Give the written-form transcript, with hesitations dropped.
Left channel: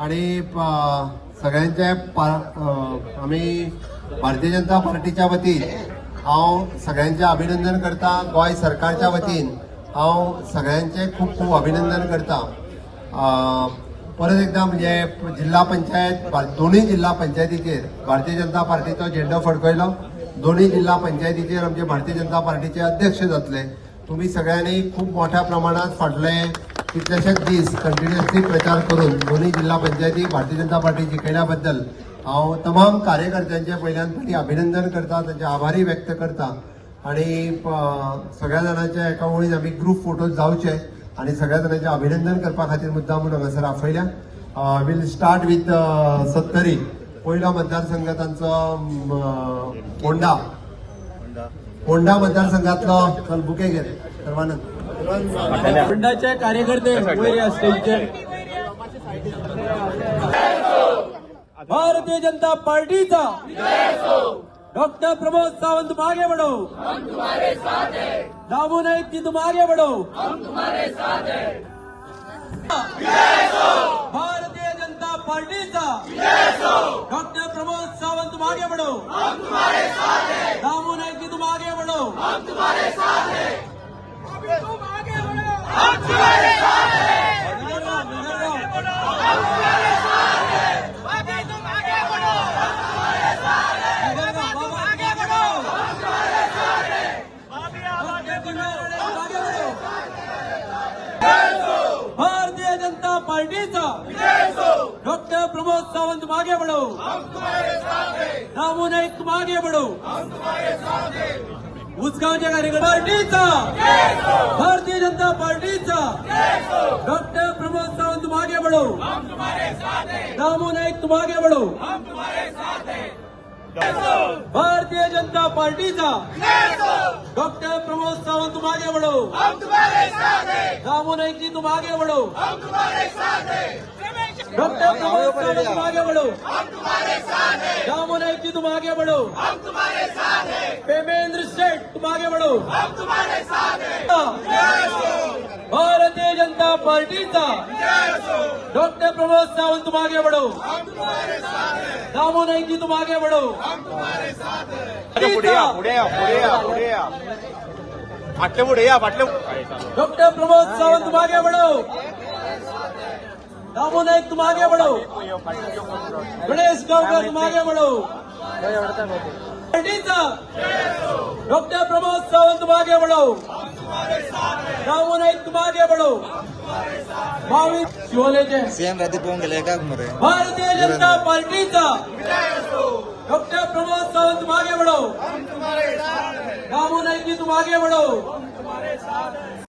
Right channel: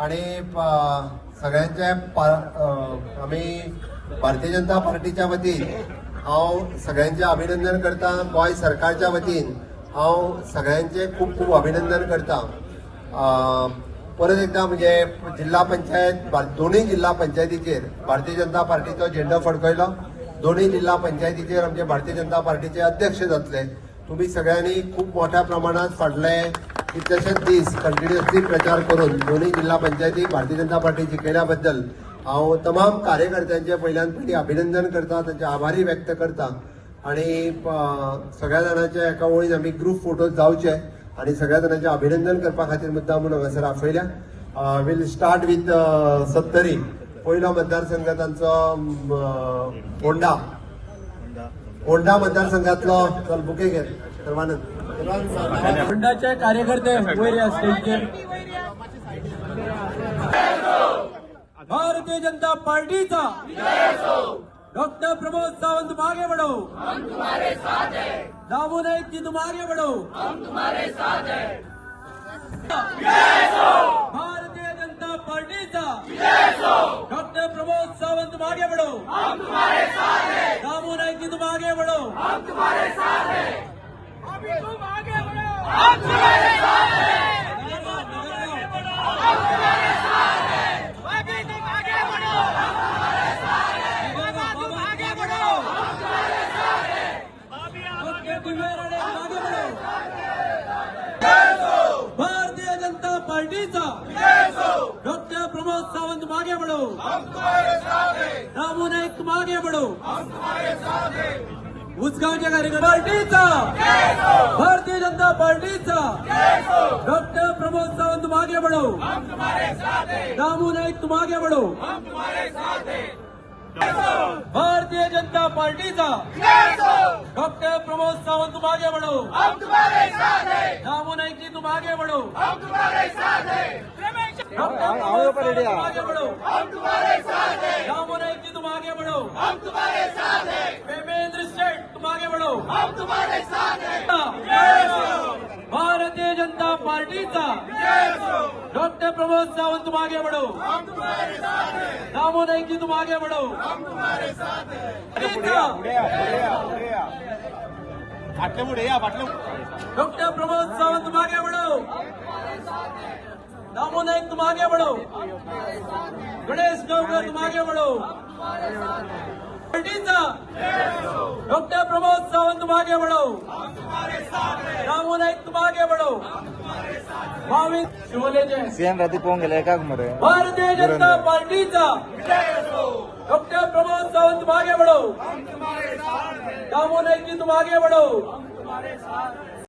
आणि सगळ्यांचे आम्ही भारतीय जनता पार्टीच्या वतीन हांव सगळ्यांचे अभिनंदन करता। गोंय सरकारच्या वतीन हांव सगळ्यांचे खूप खूप अभिनंदन करता। परत एकदा म्हणजे जिल्हा पंचायत दोन्ही जिल्हा पंचायतीचेर भारतीय जनता पार्टीचो झेंडो फडकयलो। दोन्ही जिल्हा पंचायतीचेर आमचे भारतीय जनता पार्टीचे अध्यक्ष जातले। तुम्ही सगळ्यांनी खूप मोठ्या प्रमाणात फाटले कितलेशेच दीस कंटिन्युअसली प्रचार करून दोन्ही जिल्हा पंचायती भारतीय जनता पार्टी जिखल्याबद्दल हांव तमाम कार्यकर्त्यांचे पहिल्यान फाटी अभिनंदन करता, त्यांचे आभारी व्यक्त करता। आणि सगळ्या जाणांचे एका वळीन आमी ग्रुप फोटोज जावचे आणि सगळ्या जाणांचे अभिनंदन करपा खातीर मुद्दाम हांगासर आपयल्या। विल स्टार्ट विथ सत्तरी। पहिलो मतदारसंघ तांचो फोंडा मतदारसंघातलो बुके घे सर्वानंद फोंडाचे कार्यकर्ते वयर या स्टेजचेर। भारतीय जनता पार्टीचा डॉक्टर प्रमोद सावंत मागे बढ़ो, दामू नाईक जी तुम आगे बढ़ो। भारतीय जनता पार्टीचा डॉक्टर प्रमोद सावंत मागे बढ़ो, दामू नाईक जी तुम आगे बढ़ो। भारतीय जनता पार्टीचा डॉक्टर प्रमोद सावंत मागे बढ़ो, दामू नाईक तुम आगे बढ़ो। उसगावच्या कार्यकर्ते पार्टीचा भारतीय जनता पार्टीचा डॉक्टर प्रमोद सावंत मागे बढ़ो, दामू नाईक तुम आगे बढ़ो। भारतीय जनता पार्टीचा डॉक्टर प्रमोद सावंत तुम आगे बढ़ो, दामू नाईक जी तुम आगे बढ़ो। डॉक्टर प्रमोद सावंत तुम आगे बढ़ो, दामू नाईक जी तुम आगे बढ़ो। पेमेंद्र शेठ तुम आगे बढ़ो। भारतीय जनता पार्टीचा डॉक्टर प्रमोद सावंत तुम आगे बढ़ो, दामू नाईक जी तुम आगे बढ़ो। डॉक्टर प्रमोद सावंत तुम आगे बढ़ो, दामू नाईक तुम आगे बढ़ो। गणेश गावकर तुम आगे बढ़ो। पार्टीचा डॉक्टर प्रमोद सावंत तुम आगे बढ़ो, दामू नाईक तुम आगे बढ़ो। भारतीय जनता पार्टीचा डॉक्टर प्रमोद सावंत तुम आगे बढ़ो, दामू नाईक जी तुम आगे बढ़ो।